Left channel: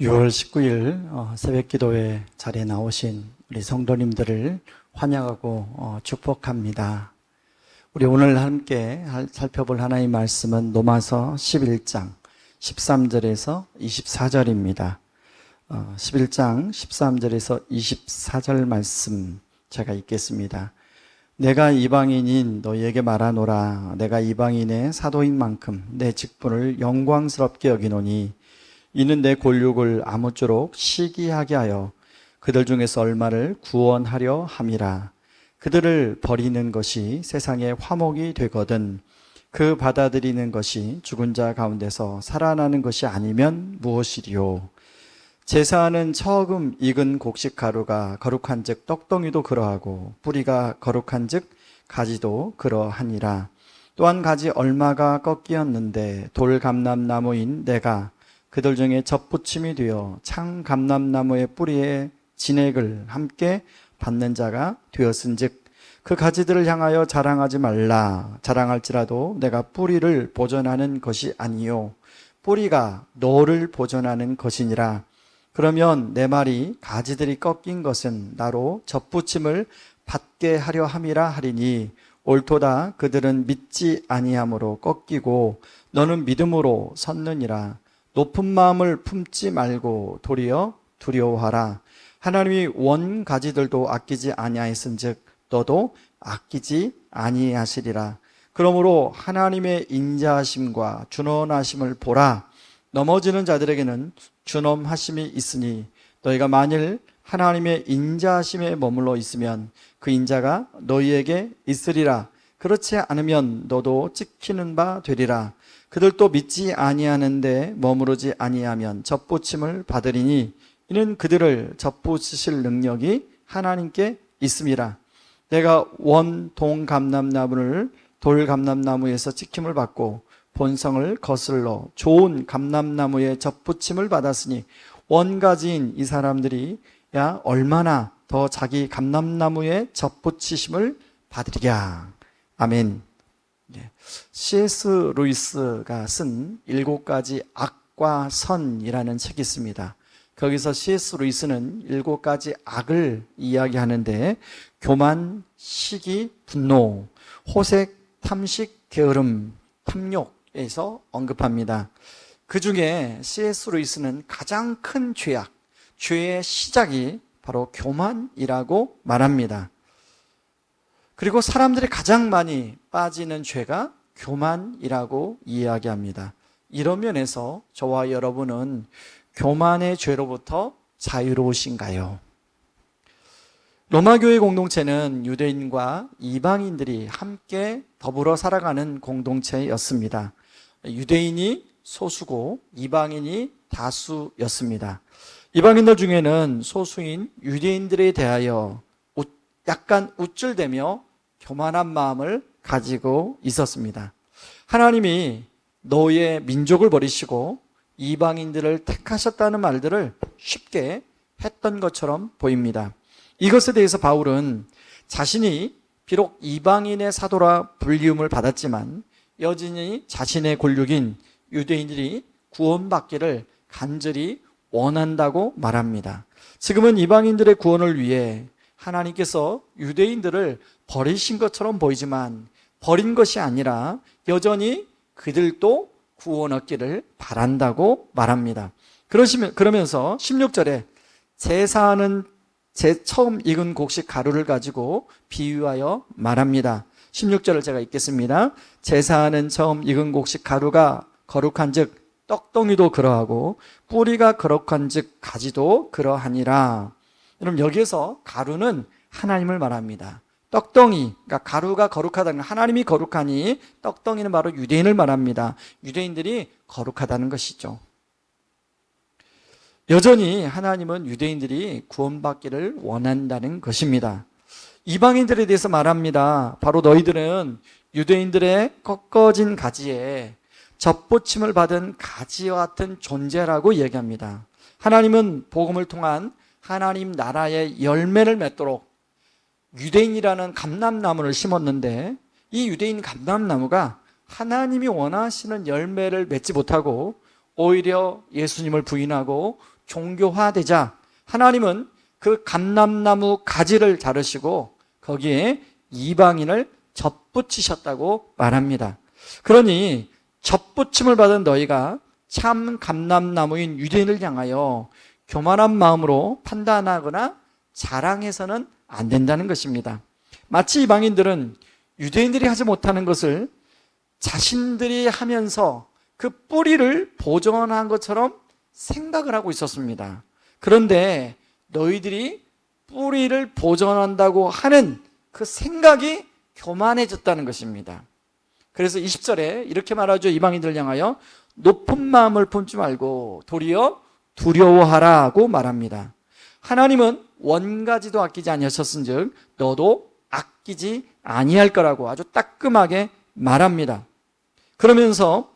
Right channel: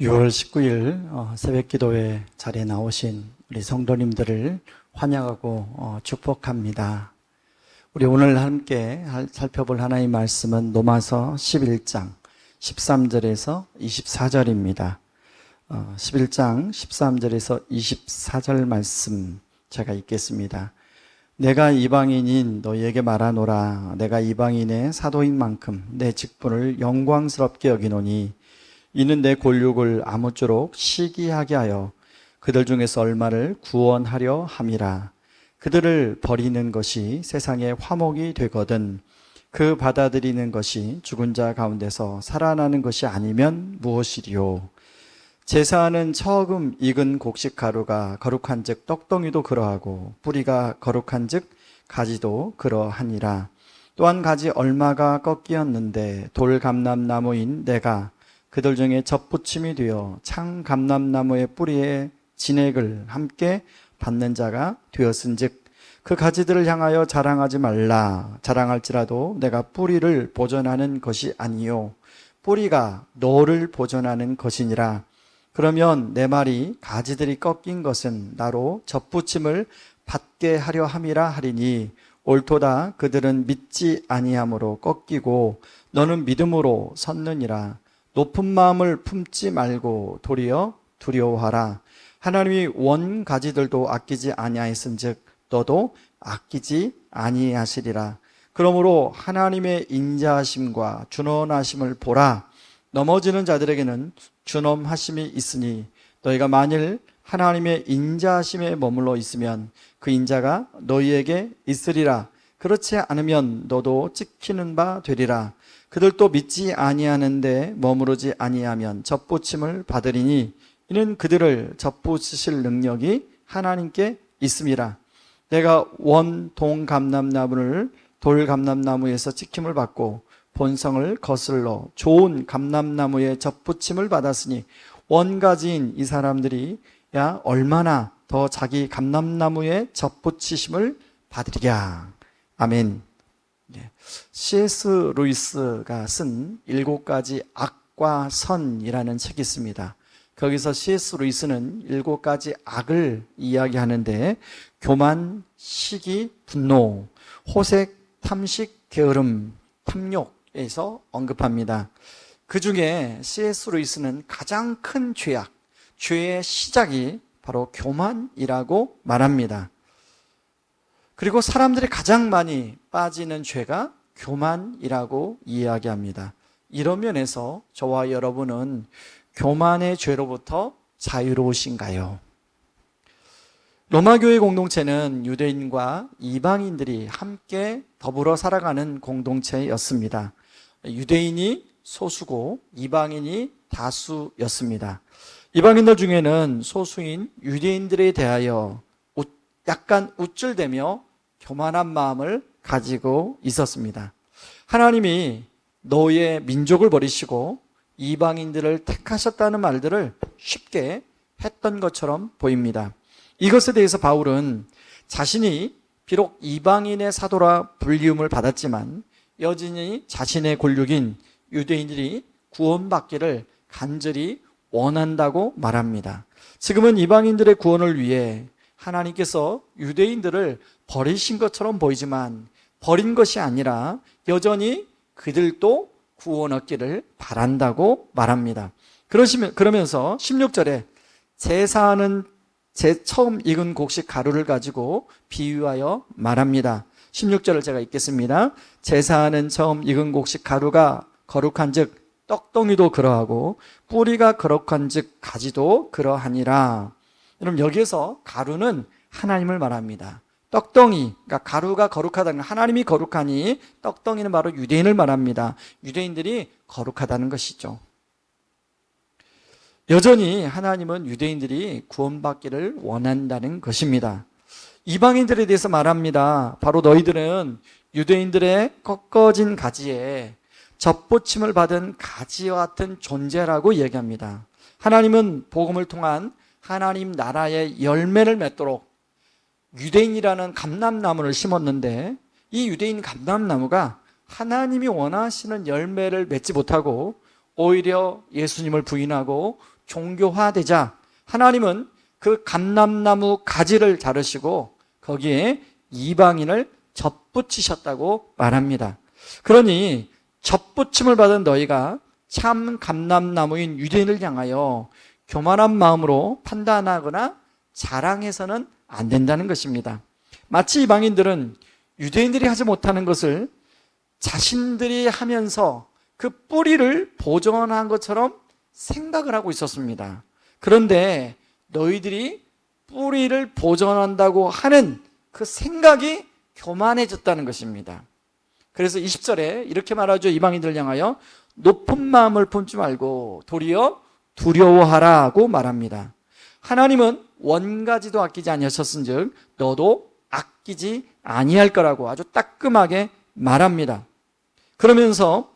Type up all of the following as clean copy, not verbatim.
6월 19일 새벽 기도회 자리에 나오신 우리 성도님들을 환영하고 축복합니다. 우리 오늘 함께 살펴볼 하나님의 말씀은 로마서 11장 13절에서 24절입니다. 11장 13절에서 24절 말씀 제가 읽겠습니다. 내가 이방인인 너희에게 말하노라. 내가 이방인의 사도인 만큼 내 직분을 영광스럽게 여기노니 이는 내 골육을 아무쪼록 시기하게 하여 그들 중에서 얼마를 구원하려 함이라. 그들을 버리는 것이 세상의 화목이 되거든 그 받아들이는 것이 죽은 자 가운데서 살아나는 것이 아니면 무엇이리요. 제사하는 처음 익은 곡식 가루가 거룩한 즉 떡덩이도 그러하고 뿌리가 거룩한 즉 가지도 그러하니라. 또한 가지 얼마가 꺾이었는데 돌감람나무인 내가 그들 중에 젖붙임이 되어 창감람나무의 뿌리에 진액을 함께 받는 자가 되었은즉 그 가지들을 향하여 자랑하지 말라. 자랑할지라도 내가 뿌리를 보존하는 것이 아니요 뿌리가 너를 보존하는 것이니라. 그러면 내 말이 가지들이 꺾인 것은 나로 젖붙임을 받게 하려 함이라 하리니 옳도다. 그들은 믿지 아니함으로 꺾이고 너는 믿음으로 섰느니라. 높은 마음을 품지 말고 도리어 두려워하라. 하나님이 원 가지들도 아끼지 아니하였은즉 너도 아끼지 아니하시리라. 그러므로 하나님의 인자하심과 준엄하심을 보라. 넘어지는 자들에게는 준엄하심이 있으니 너희가 만일 하나님의 인자하심에 머물러 있으면 그 인자가 너희에게 있으리라. 그렇지 않으면 너도 찍히는 바 되리라. 그들도 믿지 아니하는데 머무르지 아니하면 젖붙임을 받으리니 이는 그들을 젖붙이실 능력이 하나님께 있음이라. 내가 원 동감람나무를 돌감람나무에서 찍힘을 받고 본성을 거슬러 좋은 감람나무에 젖붙임을 받았으니 원가지인 이 사람들이 야 얼마나 더 자기 감람나무에 젖붙이심을 받으리랴. 아멘. C.S. 루이스가 쓴 7가지 악과 선이라는 책이 있습니다. 거기서 C.S. 루이스는 7가지 악을 이야기하는데 교만, 시기, 분노, 호색, 탐식, 게으름, 탐욕에서 언급합니다. 그 중에 C.S. 루이스는 가장 큰 죄악, 죄의 시작이 바로 교만이라고 말합니다. 그리고 사람들이 가장 많이 빠지는 죄가 교만이라고 이야기합니다. 이런 면에서 저와 여러분은 교만의 죄로부터 자유로우신가요? 로마교회 공동체는 유대인과 이방인들이 함께 더불어 살아가는 공동체였습니다. 유대인이 소수고 이방인이 다수였습니다. 이방인들 중에는 소수인 유대인들에 대하여 약간 우쭐대며 교만한 마음을 가지고 있었습니다. 하나님이 너의 민족을 버리시고 이방인들을 택하셨다는 말들을 쉽게 했던 것처럼 보입니다. 이것에 대해서 바울은 자신이 비록 이방인의 사도라 불리움을 받았지만 여전히 자신의 골육인 유대인들이 구원받기를 간절히 원한다고 말합니다. 지금은 이방인들의 구원을 위해 하나님께서 유대인들을 버리신 것처럼 보이지만 버린 것이 아니라 여전히 그들도 구원 얻기를 바란다고 말합니다. 그러면서 16절에 제사하는 처음 익은 곡식 가루를 가지고 비유하여 말합니다. 16절을 제가 읽겠습니다. 제사하는 처음 익은 곡식 가루가 거룩한 즉 떡덩이도 그러하고 뿌리가 거룩한 즉 가지도 그러하니라. 여러분 여기에서 가루는 하나님을 말합니다. 떡덩이, 그러니까 가루가 거룩하다는 건 하나님이 거룩하니 떡덩이는 바로 유대인을 말합니다. 유대인들이 거룩하다는 것이죠. 여전히 하나님은 유대인들이 구원받기를 원한다는 것입니다. 이방인들에 대해서 말합니다. 바로 너희들은 유대인들의 꺾어진 가지에 젖붙임을 받은 가지와 같은 존재라고 얘기합니다. 하나님은 복음을 통한 하나님 나라의 열매를 맺도록 유대인이라는 감람나무를 심었는데 이 유대인 감람나무가 하나님이 원하시는 열매를 맺지 못하고 오히려 예수님을 부인하고 종교화되자 하나님은 그 감람나무 가지를 자르시고 거기에 이방인을 접붙이셨다고 말합니다. 그러니 접붙임을 받은 너희가 참 감람나무인 유대인을 향하여 교만한 마음으로 판단하거나 자랑해서는 안 된다는 것입니다. 마치 이방인들은 유대인들이 하지 못하는 것을 자신들이 하면서 그 뿌리를 보존한 것처럼 생각을 하고 있었습니다. 그런데 너희들이 뿌리를 보존한다고 하는 그 생각이 교만해졌다는 것입니다. 그래서 20절에 이렇게 말하죠. 이방인들을 향하여 높은 마음을 품지 말고 도리어 두려워하라고 말합니다. 하나님은 원가지도 아끼지 아니하셨은즉 너도 아끼지 아니할 거라고 아주 따끔하게 말합니다. 그러면서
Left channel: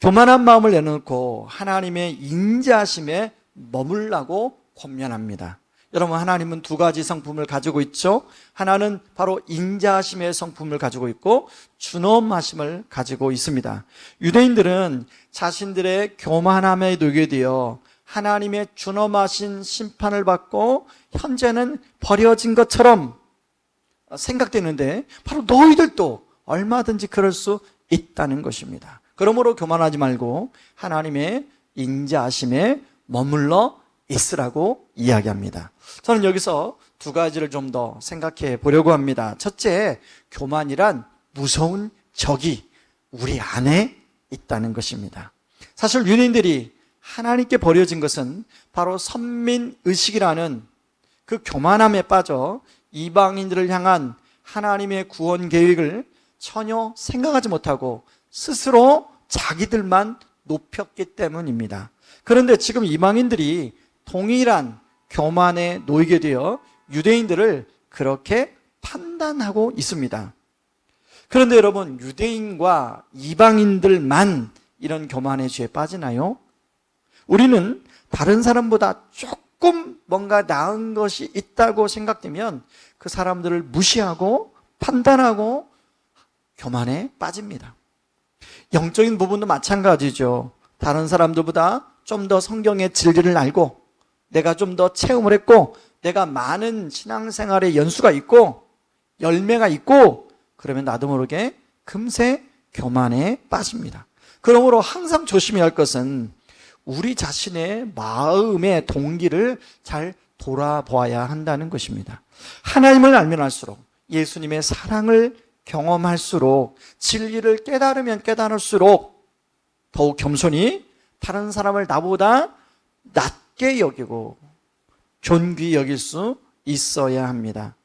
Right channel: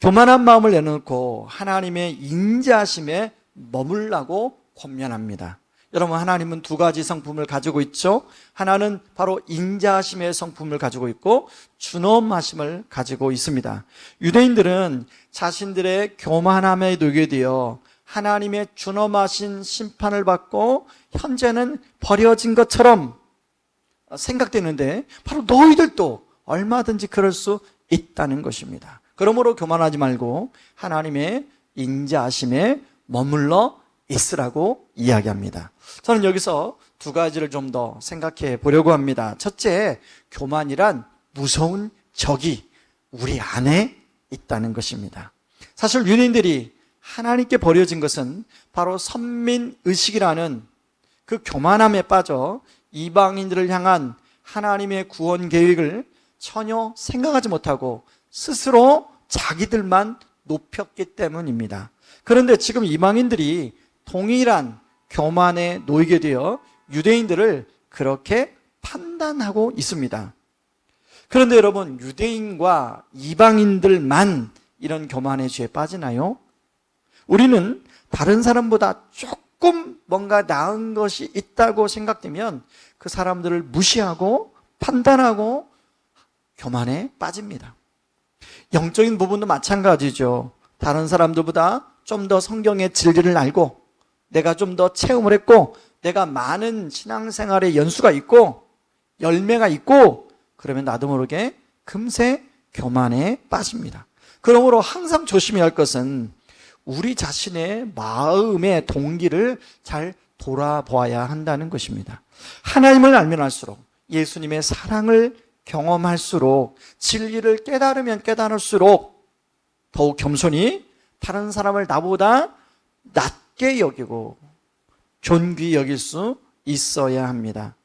교만한 마음을 내놓고 하나님의 인자하심에 머물라고 권면합니다. 여러분, 하나님은 두 가지 성품을 가지고 있죠. 하나는 바로 인자하심의 성품을 가지고 있고 준엄하심을 가지고 있습니다. 유대인들은 자신들의 교만함에 놓이게 되어 하나님의 준엄하신 심판을 받고 현재는 버려진 것처럼 생각되는데 바로 너희들도 얼마든지 그럴 수 있다는 것입니다. 그러므로 교만하지 말고 하나님의 인자하심에 머물러 있으라고 이야기합니다. 저는 여기서 두 가지를 좀 더 생각해 보려고 합니다. 첫째, 교만이란 무서운 적이 우리 안에 있다는 것입니다. 사실 유대인들이 하나님께 버려진 것은 바로 선민의식이라는 그 교만함에 빠져 이방인들을 향한 하나님의 구원 계획을 전혀 생각하지 못하고 스스로 자기들만 높였기 때문입니다. 그런데 지금 이방인들이 동일한 교만에 놓이게 되어 유대인들을 그렇게 판단하고 있습니다. 그런데 여러분, 유대인과 이방인들만 이런 교만의 죄에 빠지나요? 우리는 다른 사람보다 조금 뭔가 나은 것이 있다고 생각되면 그 사람들을 무시하고 판단하고 교만에 빠집니다. 영적인 부분도 마찬가지죠. 다른 사람들보다 좀 더 성경의 진리를 알고 내가 좀 더 체험을 했고 내가 많은 신앙생활의 연수가 있고 열매가 있고 그러면 나도 모르게 금세 교만에 빠집니다. 그러므로 항상 조심해야 할 것은 우리 자신의 마음의 동기를 잘 돌아보아야 한다는 것입니다. 하나님을 알면 알수록 예수님의 사랑을 경험할수록 진리를 깨달으면 깨달을수록 더욱 겸손히 다른 사람을 나보다 낮게 여기고 존귀히 여길 수 있어야 합니다.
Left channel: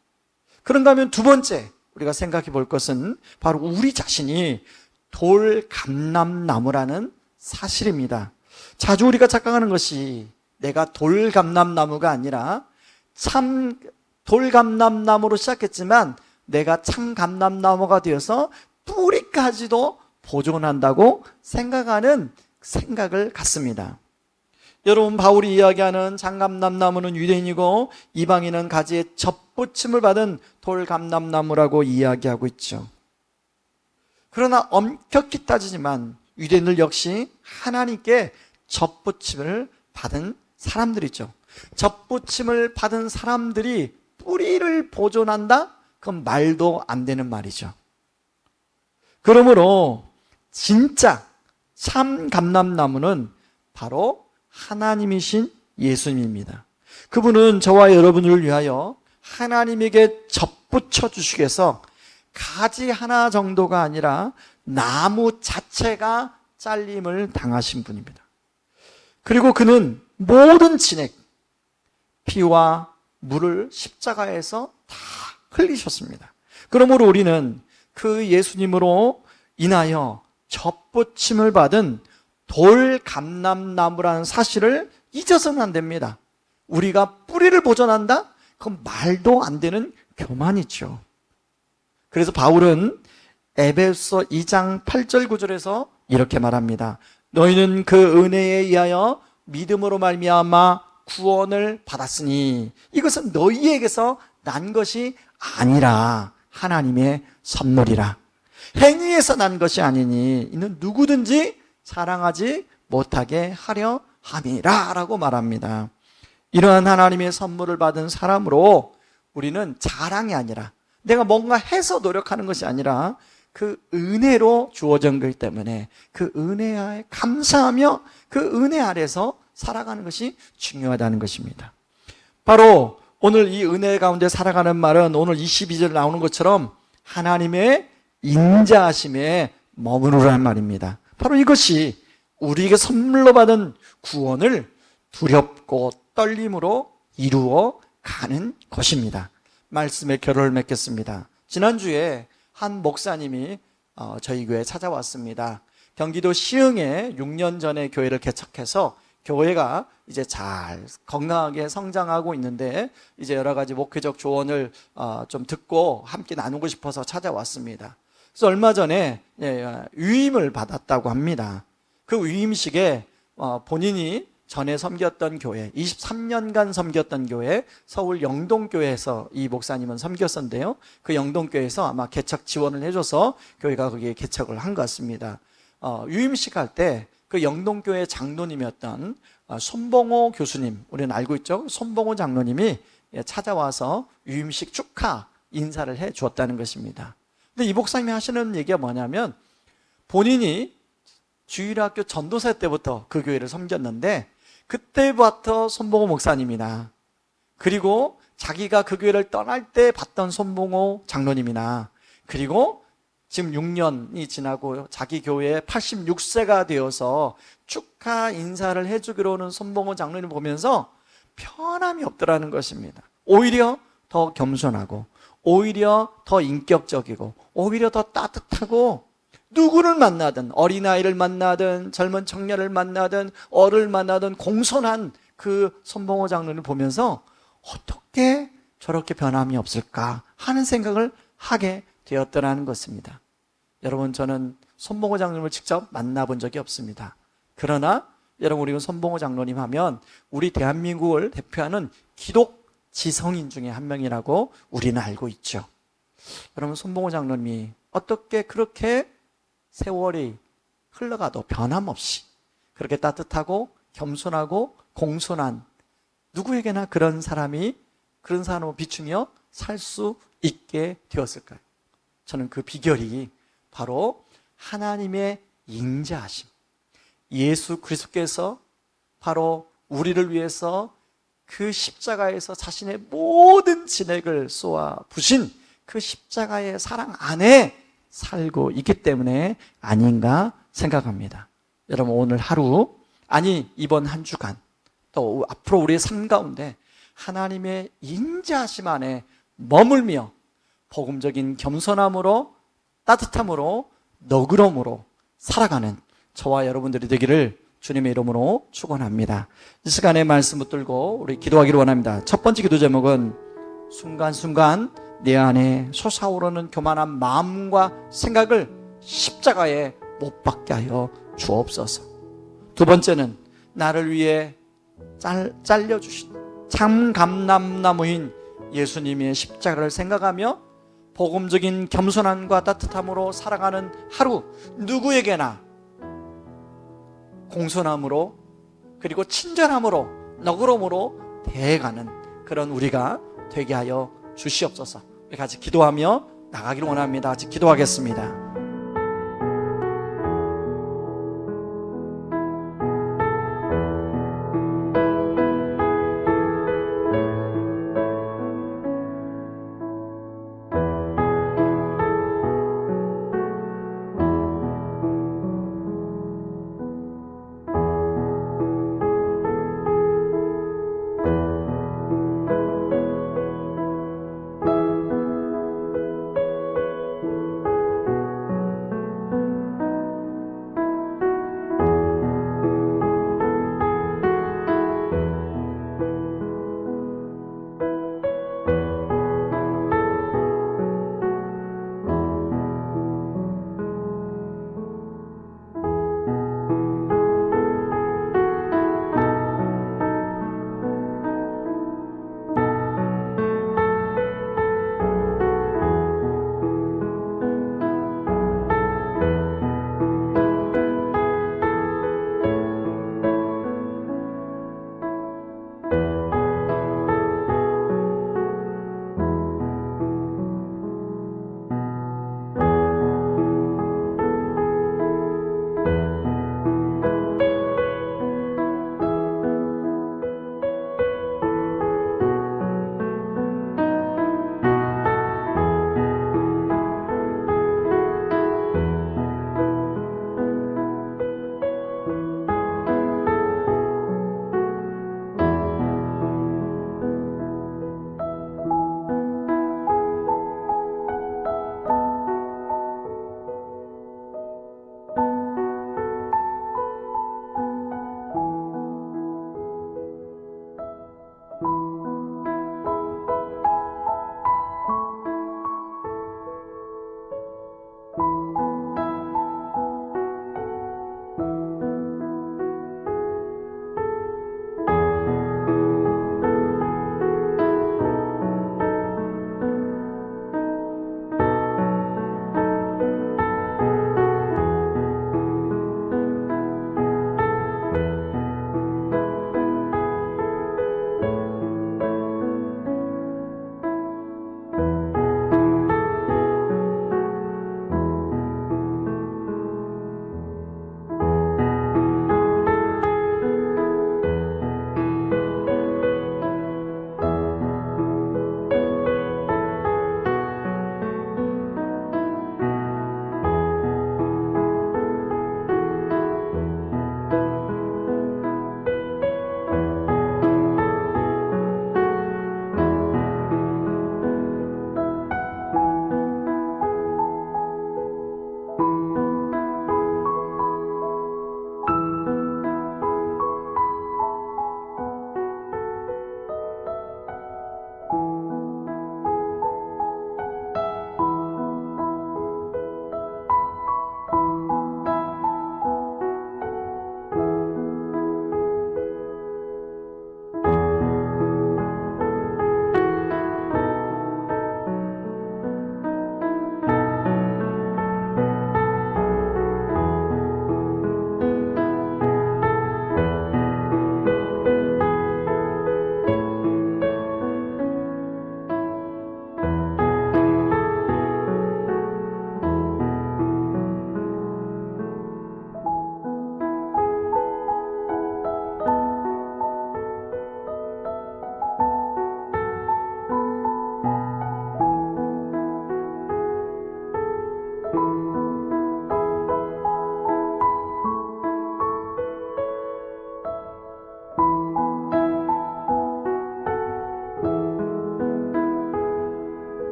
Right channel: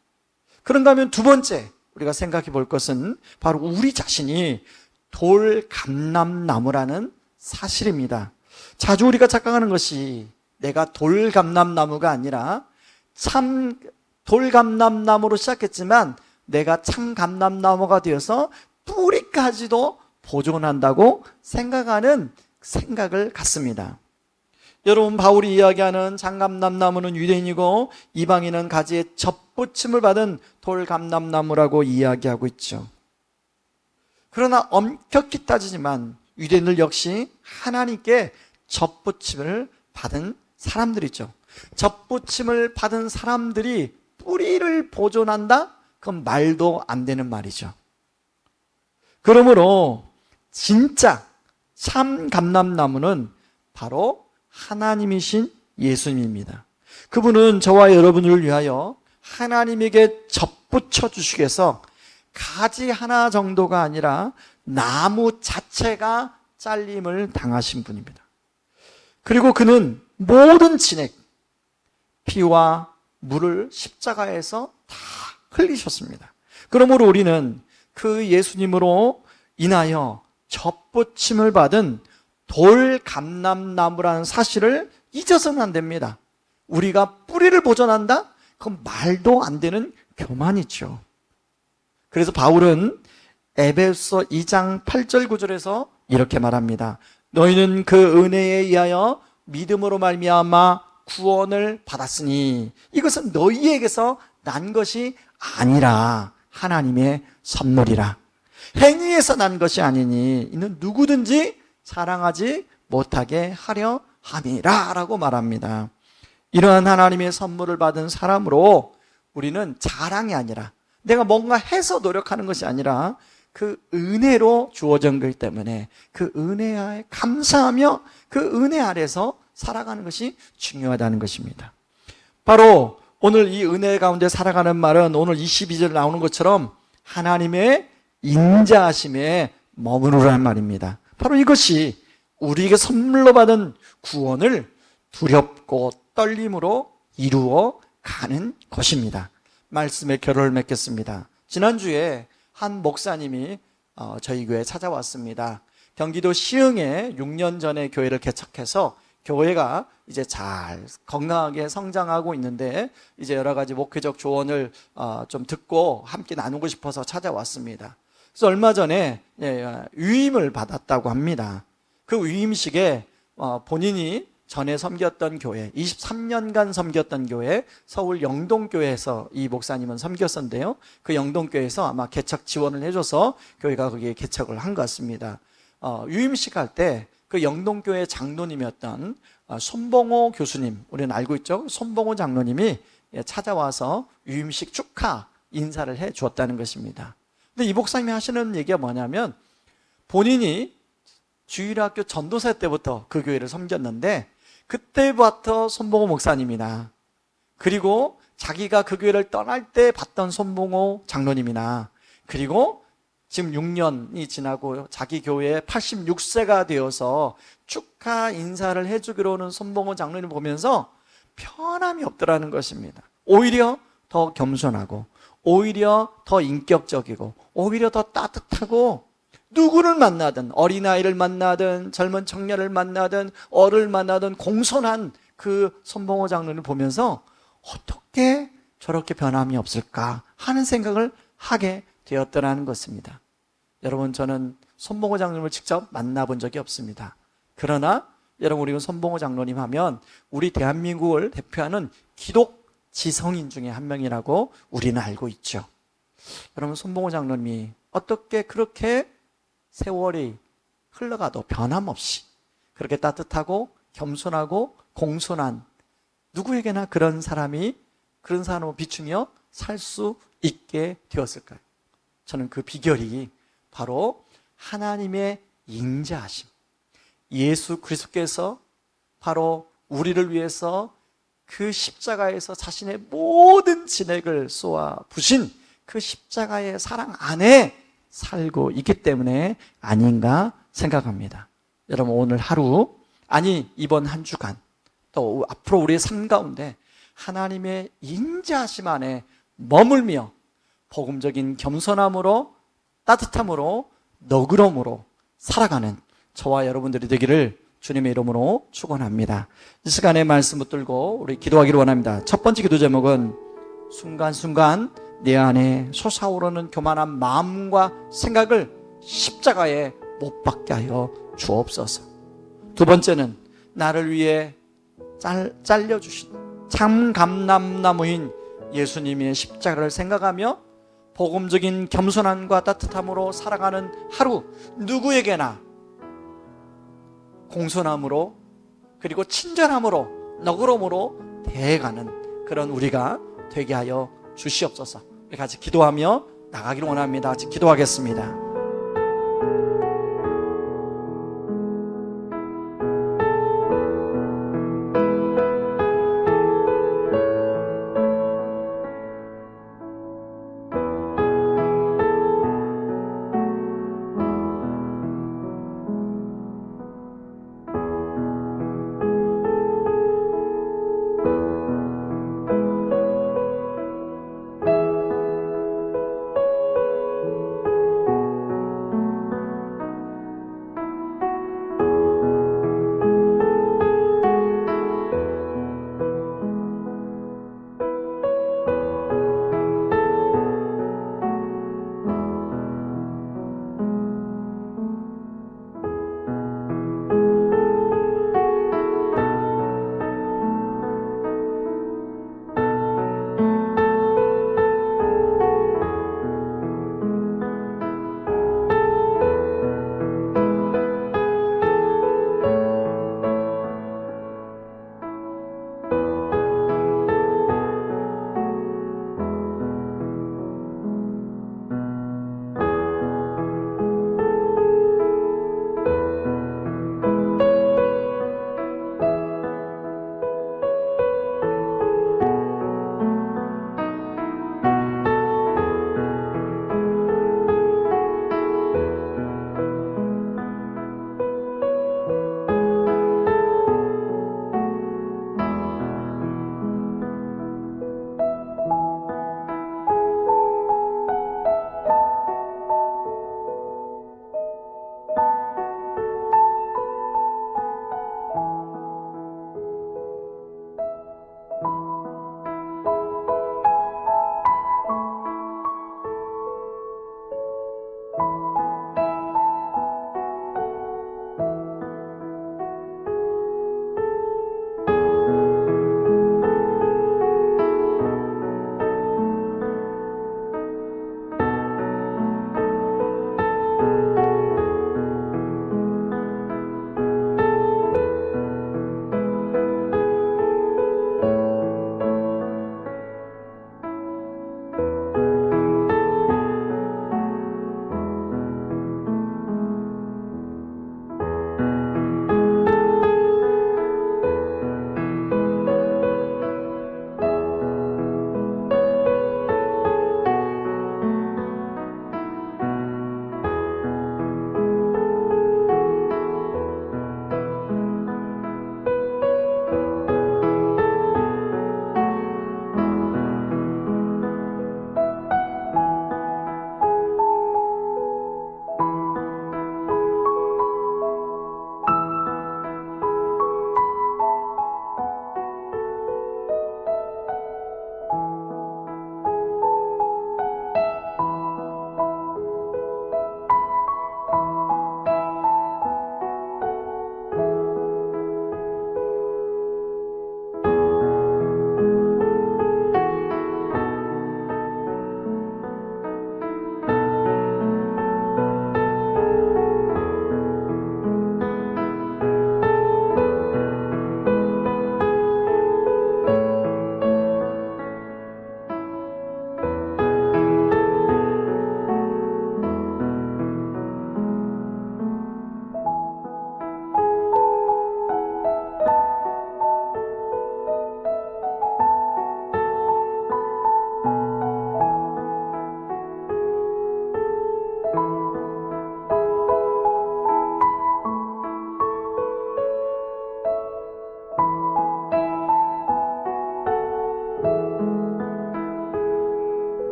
그런가 하면 두 번째 우리가 생각해 볼 것은 바로 우리 자신이 돌감람나무라는 사실입니다. 자주 우리가 착각하는 것이 내가 돌감람나무가 아니라 참 돌감람나무로 시작했지만 내가 참 감람나무가 되어서 뿌리까지도 보존한다고 생각하는 생각을 갖습니다. 여러분, 바울이 이야기하는 장감람나무는 유대인이고 이방인은 가지에 접붙임을 받은 돌감람나무라고 이야기하고 있죠. 그러나 엄격히 따지지만 유대인들 역시 하나님께 접붙임을 받은 사람들이죠. 접붙임을 받은 사람들이 뿌리를 보존한다? 그건 말도 안 되는 말이죠. 그러므로 진짜 참 감람나무는 바로 하나님이신 예수님입니다. 그분은 저와 여러분을 위하여 하나님에게 접붙여 주시기 위해서 가지 하나 정도가 아니라 나무 자체가 잘림을 당하신 분입니다. 그리고 그는 모든 진액, 피와 물을 십자가에서 다 흘리셨습니다. 그러므로 우리는 그 예수님으로 인하여 접붙임을 받은 돌감람나무라는 사실을 잊어서는 안 됩니다. 우리가 뿌리를 보존한다? 그건 말도 안 되는 교만이죠. 그래서 바울은 에베소 2장 8절 9절에서 이렇게 말합니다. 너희는 그 은혜에 의하여 믿음으로 말미암아 구원을 받았으니 이것은 너희에게서 난 것이 아니라 하나님의 선물이라. 행위에서 난 것이 아니니 이는 누구든지 자랑하지 못하게 하려 함이라 라고 말합니다. 이러한 하나님의 선물을 받은 사람으로 우리는 자랑이 아니라 내가 뭔가 해서 노력하는 것이 아니라 그 은혜로 주어진 것이기 때문에 그 은혜에 감사하며 그 은혜 아래서 살아가는 것이 중요하다는 것입니다. 바로 오늘 이 은혜 가운데 살아가는 말은 오늘 22절 나오는 것처럼 하나님의 인자하심에 머무르라는 말입니다. 바로 이것이 우리에게 선물로 받은 구원을 두렵고 떨림으로 이루어 가는 것입니다. 말씀의 결론을 맺겠습니다. 지난주에 한 목사님이 저희 교회에 찾아왔습니다. 경기도 시흥에 6년 전에 교회를 개척해서 교회가 이제 잘 건강하게 성장하고 있는데 이제 여러 가지 목회적 조언을 좀 듣고 함께 나누고 싶어서 찾아왔습니다. 그래서 얼마 전에 위임을 받았다고 합니다. 그 위임식에 본인이 전에 섬겼던 교회, 23년간 섬겼던 교회, 서울 영동교회에서 이 목사님은 섬겼었는데요. 그 영동교회에서 아마 개척 지원을 해줘서 교회가 거기에 개척을 한 것 같습니다. 위임식 할 때 그 영동교회 장로님이었던 손봉호 교수님, 우리는 알고 있죠? 손봉호 장로님이 찾아와서 위임식 축하 인사를 해 주었다는 것입니다. 근데 이 목사님이 하시는 얘기가 뭐냐면 본인이 주일학교 전도사 때부터 그 교회를 섬겼는데 그때부터 손봉호 목사님이나 그리고 자기가 그 교회를 떠날 때 봤던 손봉호 장로님이나 그리고 지금 6년이 지나고 자기 교회에 86세가 되어서 축하 인사를 해주기로 하는 손봉호 장로님을 보면서 편함이 없더라는 것입니다. 오히려 더 겸손하고 오히려 더 인격적이고 오히려 더 따뜻하고 누구를 만나든 어린아이를 만나든 젊은 청년을 만나든 어를 만나든 공손한 그 손봉호 장로를 보면서 어떻게 저렇게 변함이 없을까 하는 생각을 하게 되었더라는 것입니다. 여러분, 저는 손봉호 장로님을 직접 만나본 적이 없습니다. 그러나 여러분, 우리가 손봉호 장로님 하면 우리 대한민국을 대표하는 기독 지성인 중에 한 명이라고 우리는 알고 있죠. 여러분, 손봉호 장로님이 어떻게 그렇게 세월이 흘러가도 변함없이 그렇게 따뜻하고 겸손하고 공손한 누구에게나 그런 사람을 비추며 살 수 있게 되었을까요? 저는 그 비결이 바로 하나님의 인자하심, 예수 그리스도께서 바로 우리를 위해서 그 십자가에서 자신의 모든 진액을 쏟아 부신 그 십자가의 사랑 안에 살고 있기 때문에 아닌가 생각합니다. 여러분, 오늘 하루, 아니 이번 한 주간 또 앞으로 우리의 삶 가운데 하나님의 인자하심 안에 머물며 복음적인 겸손함으로 따뜻함으로 너그러움으로 살아가는 저와 여러분들이 되기를 주님의 이름으로 축원합니다. 이 시간에 말씀 붙들고 우리 기도하기를 원합니다. 첫 번째 기도 제목은 순간순간 내 안에 솟아오르는 교만한 마음과 생각을 십자가에 못 박게 하여 주옵소서. 두 번째는 나를 위해 잘려주신 참감람나무인 예수님의 십자가를 생각하며 복음적인 겸손함과 따뜻함으로 살아가는 하루, 누구에게나 공손함으로 그리고 친절함으로 너그러움으로 대해가는 그런 우리가 되게 하여 주시옵소서. 우리 같이 기도하며 나가기를 원합니다. 같이 기도하겠습니다.